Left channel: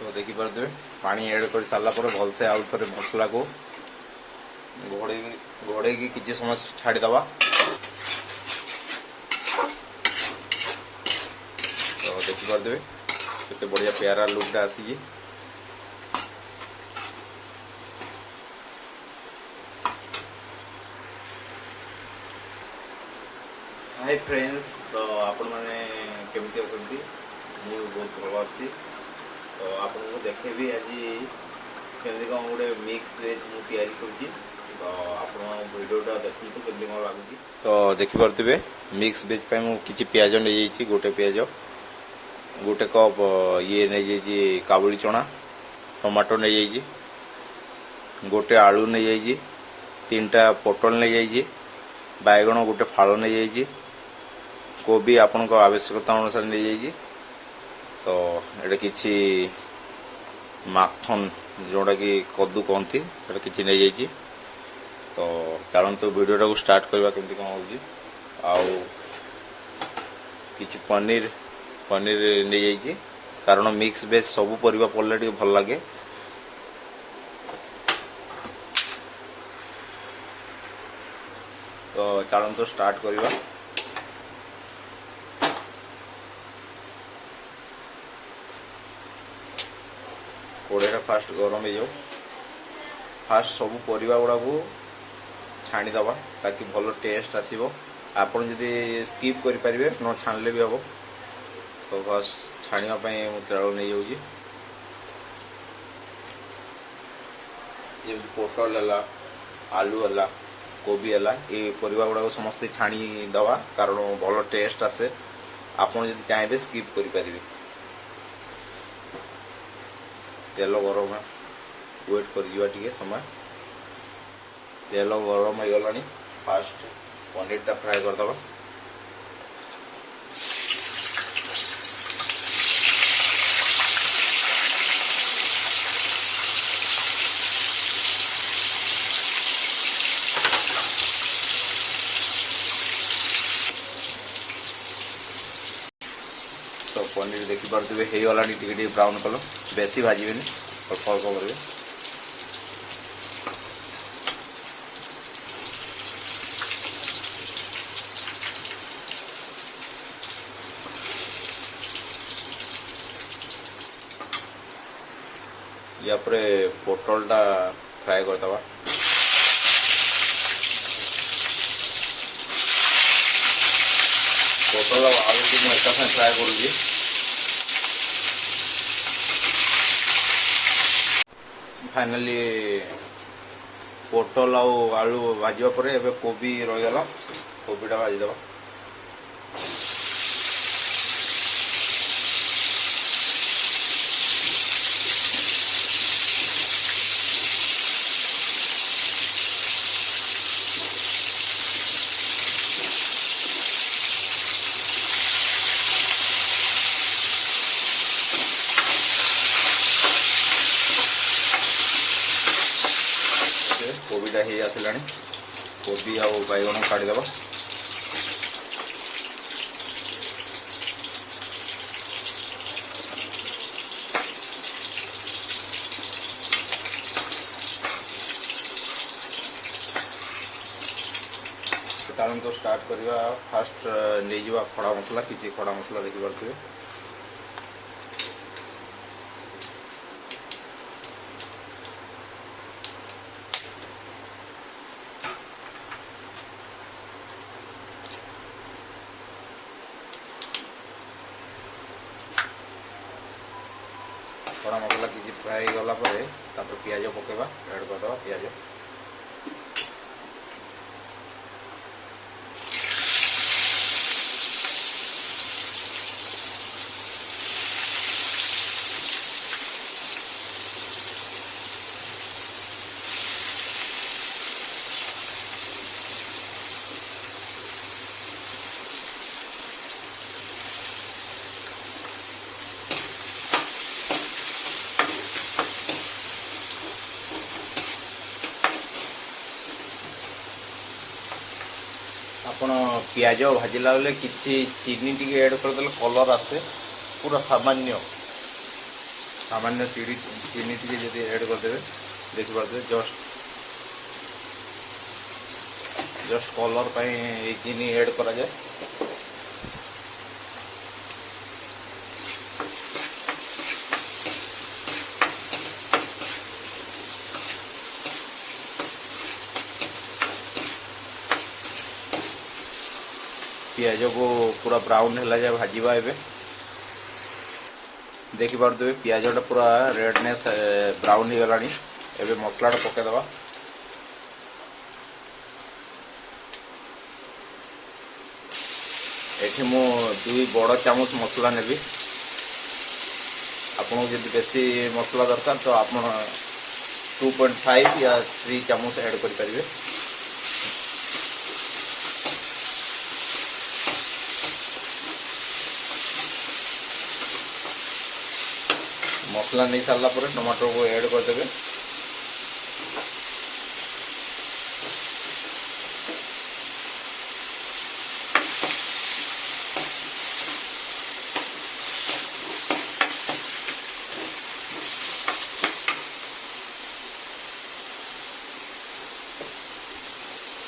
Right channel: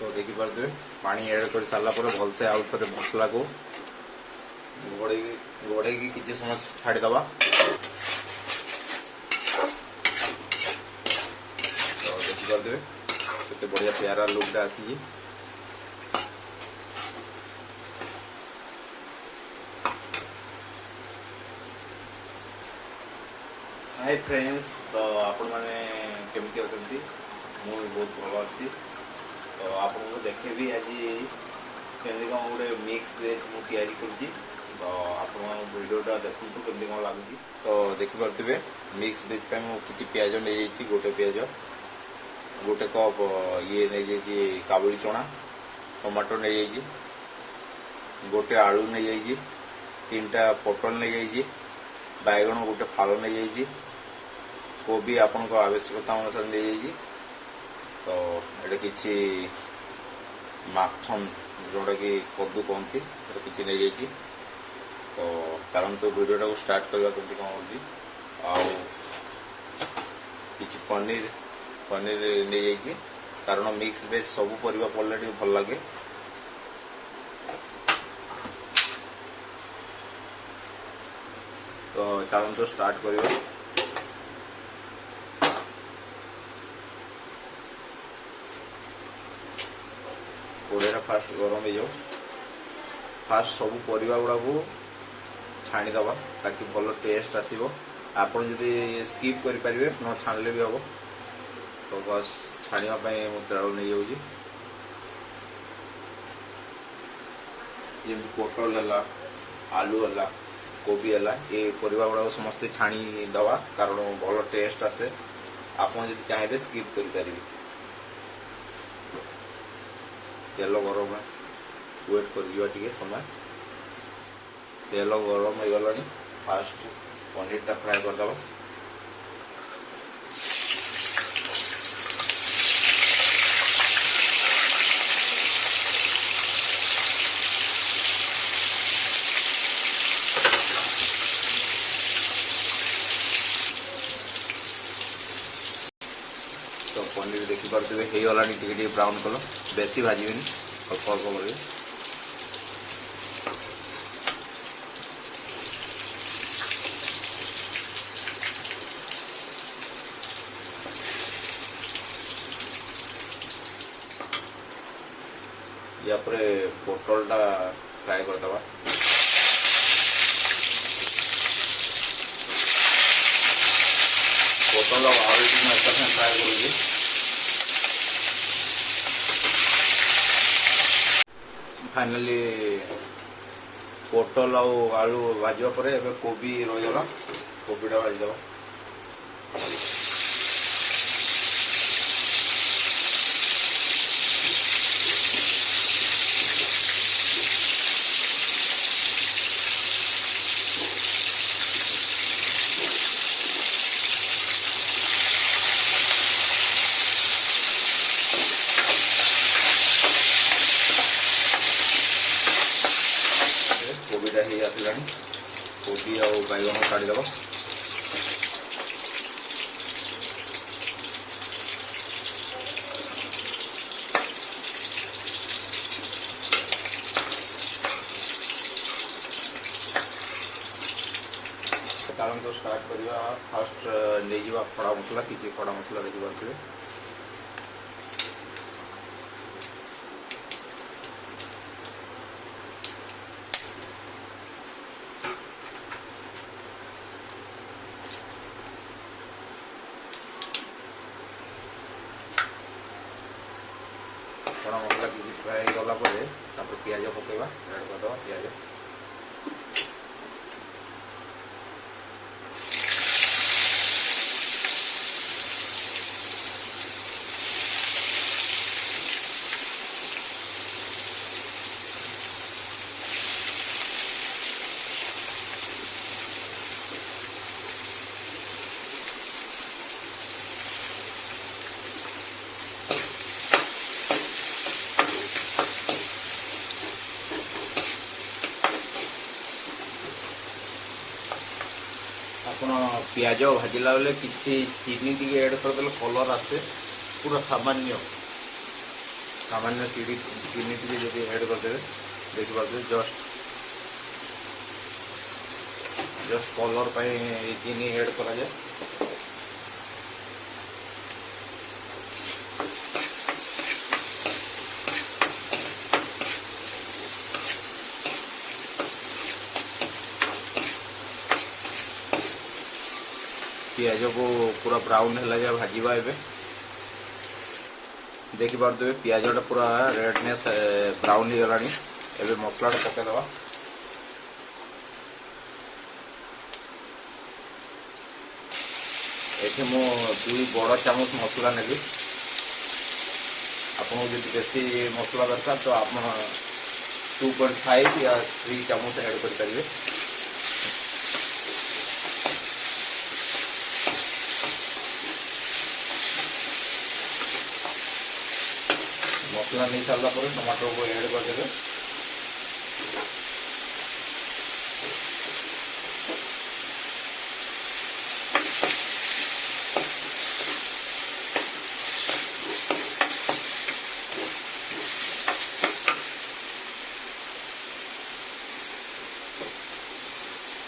तो देखिपे पानी एड कर सारा भलसे आउ थे मसला को घोड़े किसी समय छाड़ीदवा। तो देखिपे केते बढ़िया प्यारा लुकटा आसी। हाय फ्रेंड्स, तो आपण मैंने केमती अच्छी मुझे बहुत भल अच्छी। तो आपको देखेबी आज केमती कौन गोटे मिक्स वेज मुझे तैयारी तो आप भिडियोटा देखूँ केमती कौन लगुच। तो देखिपे मिक्स वेज पे मुझे पियाज नहीं गोटे पियाज गोटे कप ये नहीं जाइए काबुली चना टमाटो नहीं जाइए गोटे आलू नहीं जाइए 3टा पोटल नहीं जाइए बैगण गोटे फाड़ नहीं जाइए कोबी आपण आवश्यकता अनुसार नहीं जाइए। तो ये किसी माखन जोटा कि कद्दू कहती किसी नहीं जाइए। तो कारण तो वीडियोटा को स्टार्ट करवा केमती कौन हो पनीर पनीर नहीं जाइए कारण मिक्स वेज सब परिवा पड़े भल लगे। तो कारण तो स्टार्ट करवा। कोड़ेटा फास्ट गरम हो फास्ट सब परिवा गुड़ा को छाणीदवा ताकि भल टेस्ट आसो। आपड़ जदि स्किप करें न छाणिले भी हम। तो बस छाणीवाई तेल नहीं जाऊँगी जमी पोटल है आलू है कोबी है ये परिवा गुड़ा समस्त छाणीदवा कारण भल टेस्ट आसे। आपड़ जदि चाहिए स्किप करें। तेल गरम वेट कर समय तेल गरम हो गला फास्ट पनीरटा फ्राए करदे। तो पनीर देखिपे हो गला टे ब्राउन कलर बेसी भाजबेनि अल्प अल्प करेंगे। या पोटलटा फ्राए करदे। पोटल आलू को एक साथ फ्राए कर फाइनली पोटल आलू भाजवा पर एबे कोबी रहीगला कोबीटा भाजीदेव। कोबीटा ही आसला कोबी आ बैगण काढ़ीदेव। कारण तो स्टार्ट करवा फास्ट नहीं जावा खड़ा मसला किसी खड़ा मसला देखिपे। खड़ा मसला किसी फ्राए गला पियाज पकेवा ऐड करदे पियाज। ଆପଣ ପିଆଜ ଭାଜିଲା बेले किसी चीनी टी ऐड करदे कलर आसे पूरा सामान्य सामान्य चीनी टी ऐड करदे देखिए जस्ट कलर चीनी ऐड करा जाए। पियाज को पूरा ब्राउन है जाए भाजवा ए देखिपे पियाजटा पूरा रेडनेस ब्राउन हो गलानी। एबे मसला पकईदबा ये मु 2 बड़ चामच मसला नेबी। आपको जब बेसी मसला दरकार तो आप 2.5 या 3 चामच ऐड करेंगे। मसला नहीं सारा पर टमाटो को ऐड करदे।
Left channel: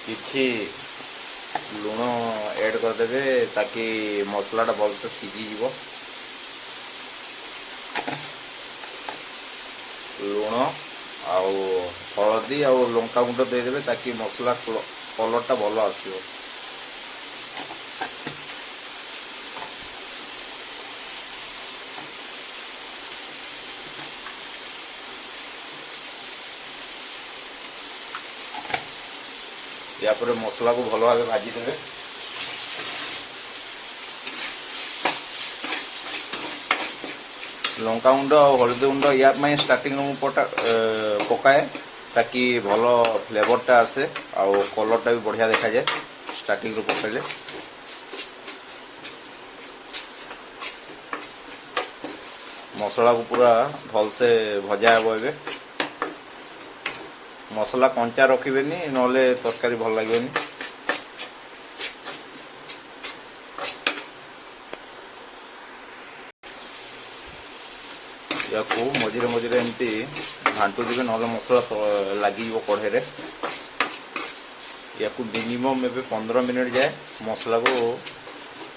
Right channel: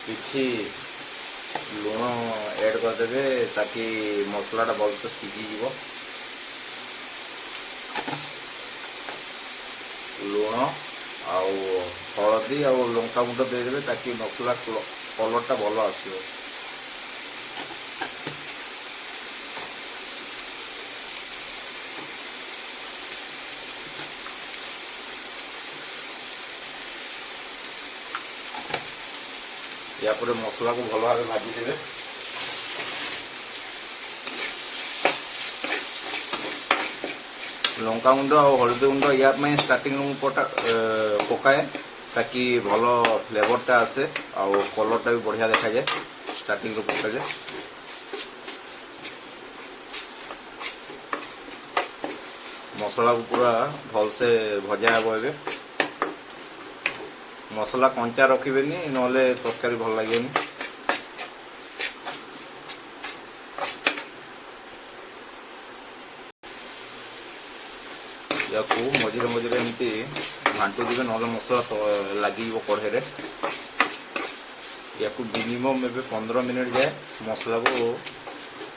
किसी लुण ऐड करदे ताकि मसलाटा भलसे सीझीज। लुण आउ हलदी आउ लंका गुंड देदेवे ताकि मसला कलरटा भल आसो। या पर मसला को भल भाव भाजी देवे। लंका गुंड और हलदी गुंड या स्टार्टिंग पकाए ताकि भल फ्लेवरटा आसे आउ कलरटा भी बढ़िया देखा जाए। स्टार्टिंग पका जाए मसला को पूरा भलसे भजा हे। एबे मसला कंचा रखिबेनी नले तरकारी भल लागेनी। या मझे मझे एमती घाटू दिवे ना मसला लगे कढ़े। या मिनिमम ए 15 मिनट जाए मसला को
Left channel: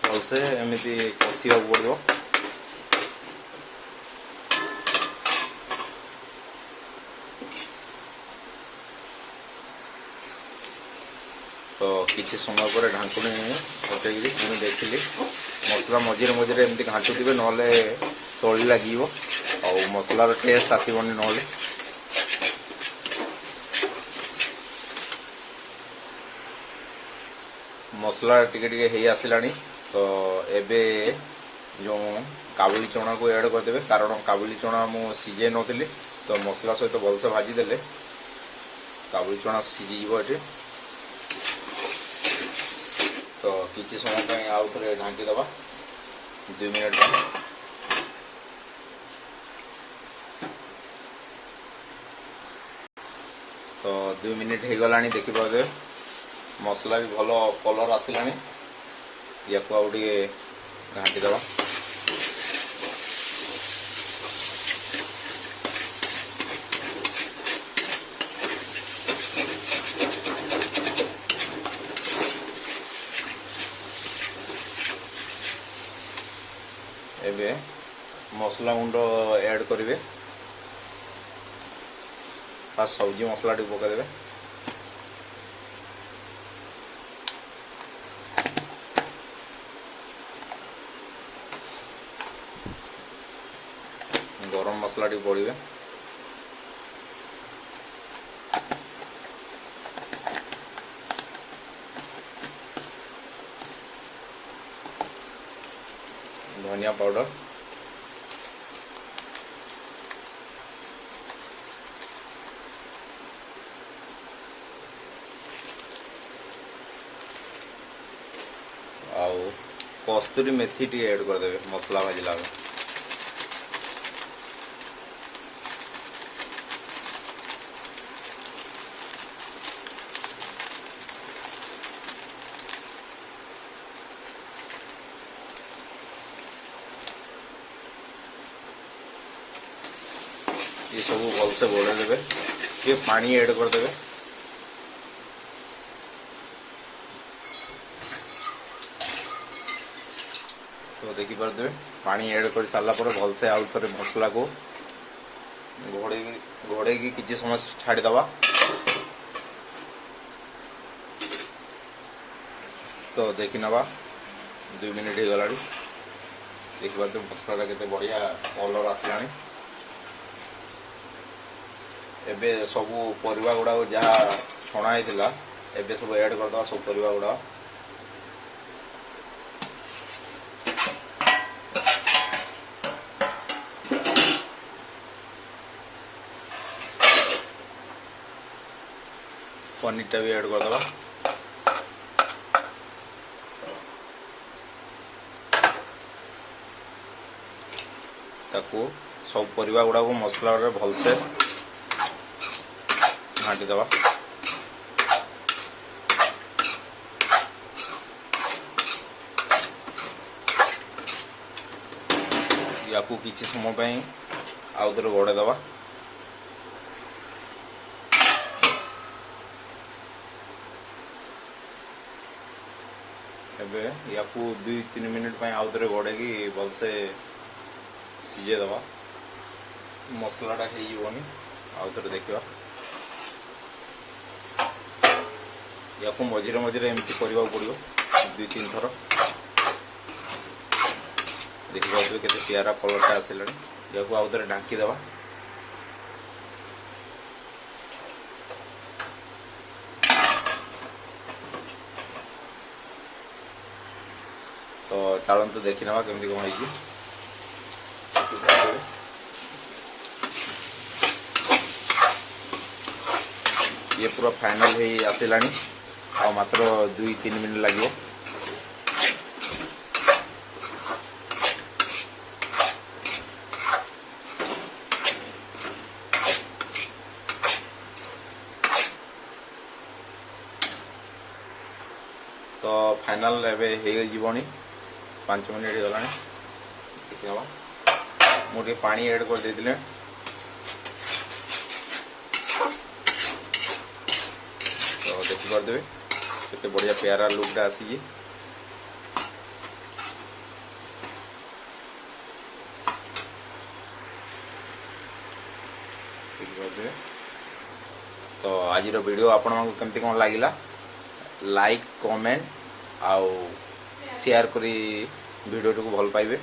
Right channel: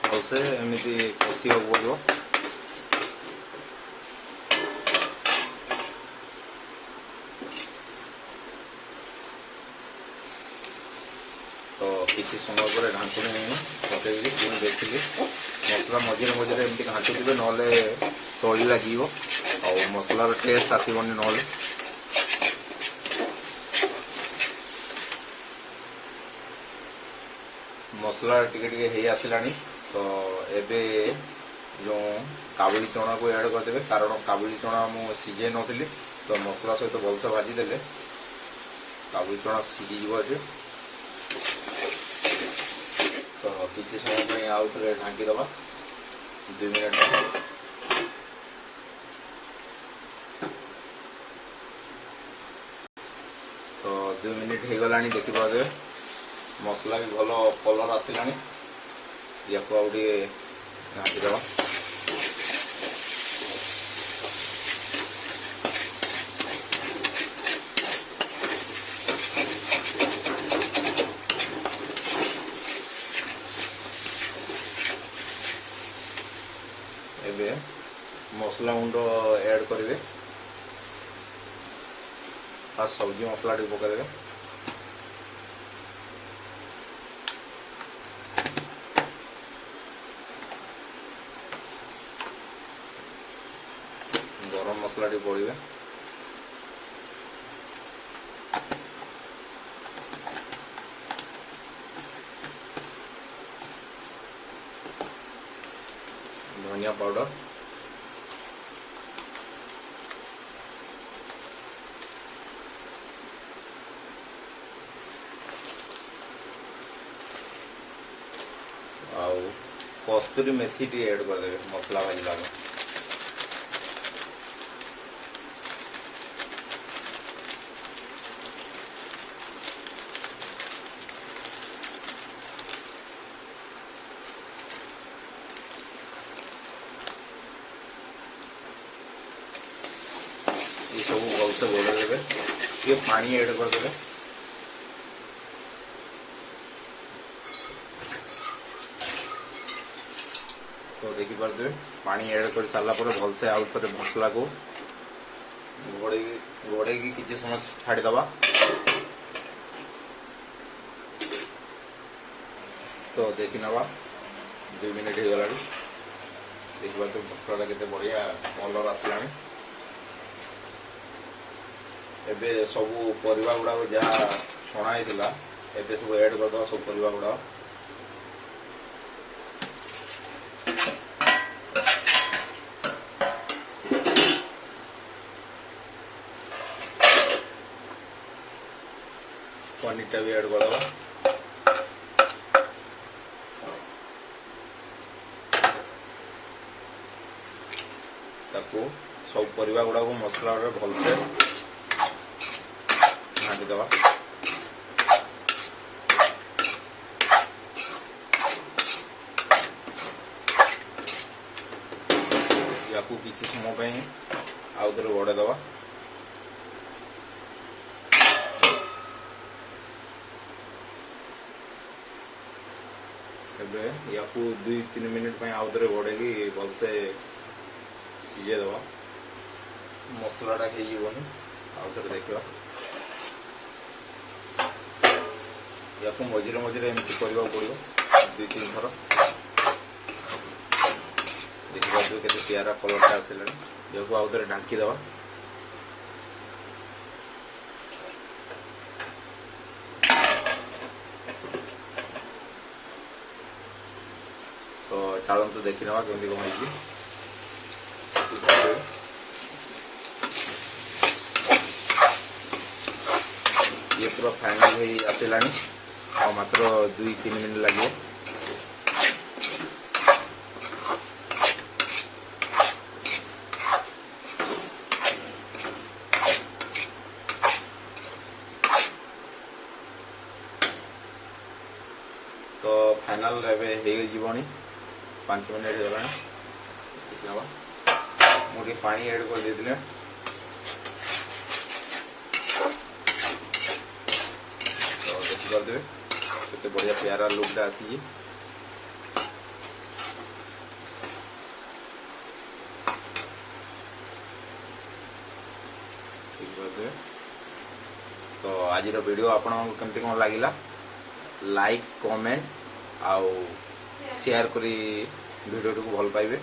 भलसे एमती कषा पड़ो। तो किसी समय पर ढांकुनी पकई देखिली मसला मझे मझे एमती घाटू दिवे ना तली लगे और मसलार टेस्ट आसबनी। ना मसला टिके हे आसला तो एबे जो काबुली चना को ऐड करदे कारण काबुली चना मु सीझे नी तो मसला सहित भलसे भाजी देले काबुली चना सीझी। तो किसी समय आउ थे ढांकी दबा 2 मिनट। तो 2 मिनट हो गला देखिए मसला भी भल कलर आसला। या घाटी दबा एबे मसला गुंड ऐड करेंगे। आ सब्जी मसला टी पकईदे। गरम मसला टी पड़े। धनिया पाउडर आउ कस्तूरी मेथी टी ऐड करदे मसला भाजला। ये सब भलसे गोड़े देवे ये पानी ऐड करदे तो देखी पारे पानी ऐड कर सारा पर भलसे आउ थे मसला को घोड़े की किसी समय छाड़ीदवा तो देखी नवा 2 मिनिट हो गला देखिए तो मसला केते बढ़िया कलर आसला एबे सब परिवा गुड़ा जहाँ छणा होता एबे सब ऐड करदे सब परिवा गुड़ा पनीर भी ऐड करदे सब परिवा गुड़ा को मसला भलसे घाटी दवा या किसी समय आउ थे घोड़े दवा या 2-3 मिनिट आउ थे घोड़े की भलसे सीझे दवा मसलाटा होनी आउ थे देखा या मझे मझे एमती करने पड़ो 2-3 थर देखा के प्यारा कलर आसले या आउ थे ढांकी दवा तो चलते देखी ना केमती कौन है ये पूरा फाइनल हो आसला आ मात्र 2-3 मिनट लगे तो फाइनल एवं 5 मिनट हो मुझे पानी ऐड कर देते देखिपे के बढ़िया प्यारा लुकटा आसी तो आज वीडियो आपन केमती कौन लगिला लाइक कमेंट आउ शेयर करी वीडियो को भल पाइबे।